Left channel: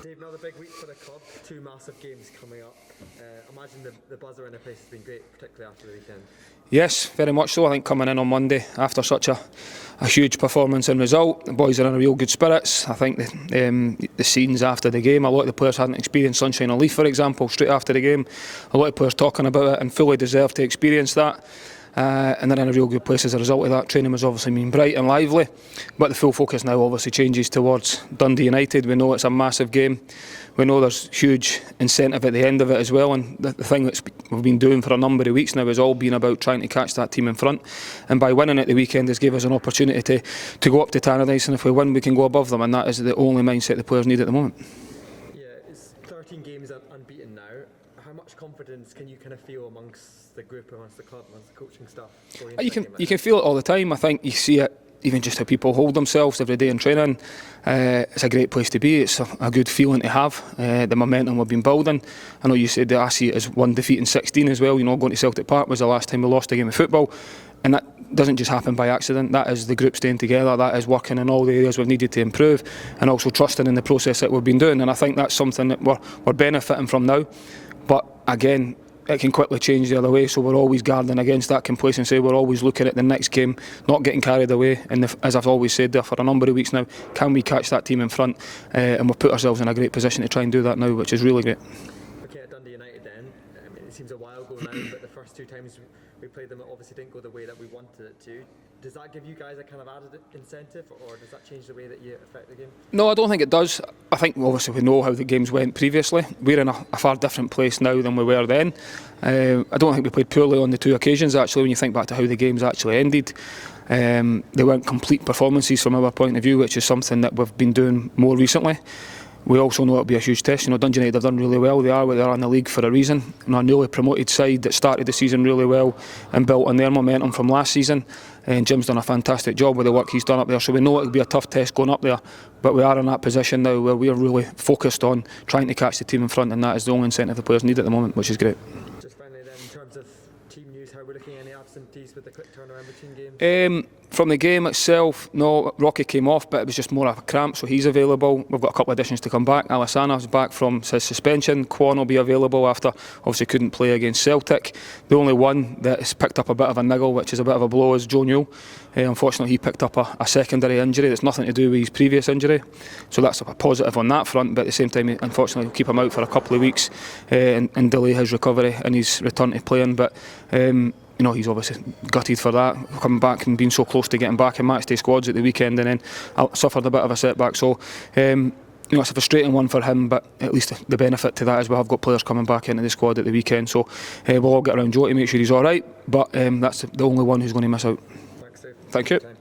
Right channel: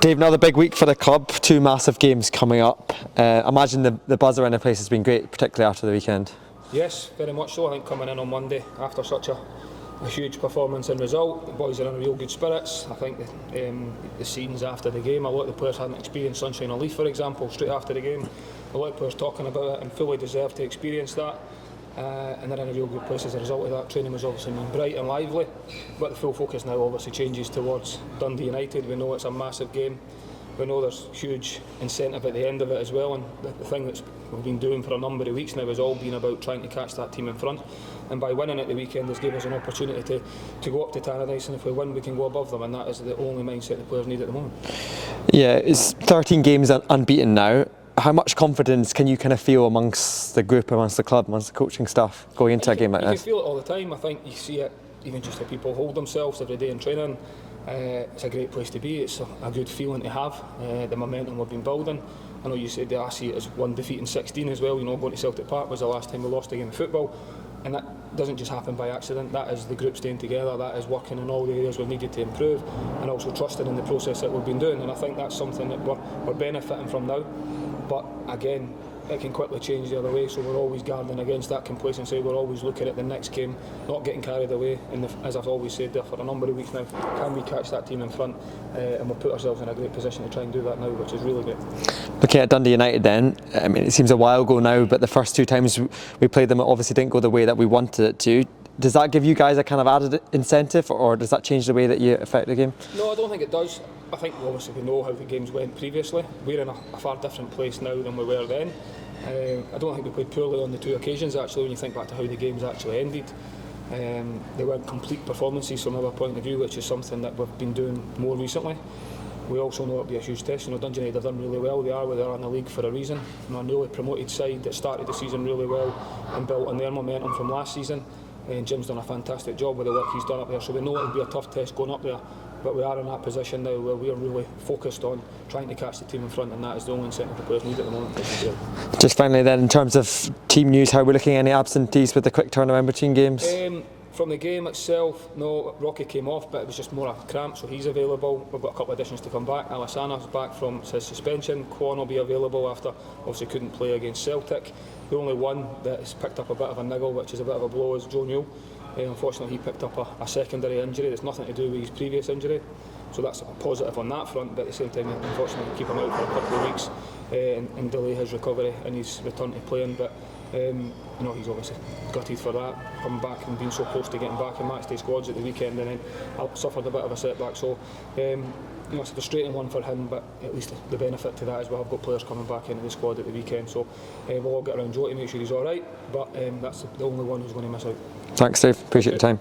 Dave, another big week for the club, 2 massive games coming up. Imagine the buzz around the place has been great, particularly after the weekend. Yes, very much so. I think coming in on Monday after such a huge performance and result, the boys are in a real good spirits. I think the scenes after the game, a lot of the players hadn't experienced Sunshine on Leith, for example, straight after the game. A lot of players talking about it and fully deserve to experience that. And they're in a real good place as a result of that. Training was obviously been bright and lively, but the full focus now obviously changes towards Dundee United. We know it's a massive game. We know there's huge incentive at the end of it as well, and the thing that we've been doing for a number of weeks now has all been about trying to catch that team in front, and by winning at the weekend has given us an opportunity to go up to Tannadice, and if we win we can go above them, and that is the only mindset the players need at the moment. Yeah, it's 13 games unbeaten now. How much confidence can you kind of feel amongst the group, amongst the club, amongst the coaching staff going into a game like this? You can feel it all the time. I think you see it even just how people hold themselves every day in training. It's a great place to be. It's a good feeling to have. The momentum we've been building. I know you said that I see it as 1 defeat in 16 as well. You know, going to Celtic Park was the last time we lost a game of football, and that doesn't just happen by accident. That is the group staying together. That is working in all the areas we've needed to improve, and also trusting in the process that we've been doing. And I think that's something that we're benefiting from now. But again, it can quickly change the other way, so we're always guarding against that complacency. We're always looking at the next game, not getting carried away, and as I've always said there for a number of weeks now, can we catch that team in front? And we've put ourselves in a great position to try and do that now, which is really great. Looking at Dundee United then, I mean, it seems a while ago now, but the first 2 times we played them, it obviously didn't go the way that we wanted it to. Does that give you guys a kind of added incentive, or does that change the way that you affect the game? No, I don't think it does. I think obviously we know how the games went previously. We're in a far different place now than we were then. I don't think we played poorly on the 2 occasions actually, when you think back to how the games actually ended. They weren't complete performances from our point of view, which is something that we've been doing more recently. We also know it'll be a huge test. You know, Dundee United have done really well. They are where they are in the league for a reason. You know, a newly promoted side that started the season really well and built on their momentum from last season. And Jim's done a fantastic job with the work he's done up there. So we know it'll be a tough test going up there. But we are in that position now where we are really focused on trying to catch the team in front, and that is the only incentive the players need at the moment, which is great. Just finally then, in terms of team news, how are we looking at any absentees with the quick turnaround between games? From the game itself, no, Rocky came off, but it was just more of a cramp, so he's available. We've got a couple of additions to come back. Alessana's back from his suspension. Quan will be available after obviously couldn't play against Celtic. The only one that has picked up a bit of a niggle, which is a bit of a blow, is Joe Newell. Unfortunately, he picked up a secondary injury that's nothing to do with his previous injury, so that's a positive on that front. But at the same time, unfortunately, we'll keep him out for a couple of weeks and delay his recovery and his return to playing. But you know, he's obviously gutted for that, coming back and being so close to getting back in matchday squads at the weekend, and then suffered a bit of a setback. So you know, it's a frustrating one for him, but at least the benefit to that is we have got players coming back into the squad at the weekend. So we'll all get around Joe to make sure he's all right, but that's the only one who's going to miss out. Thanks, Dave. Appreciate your time.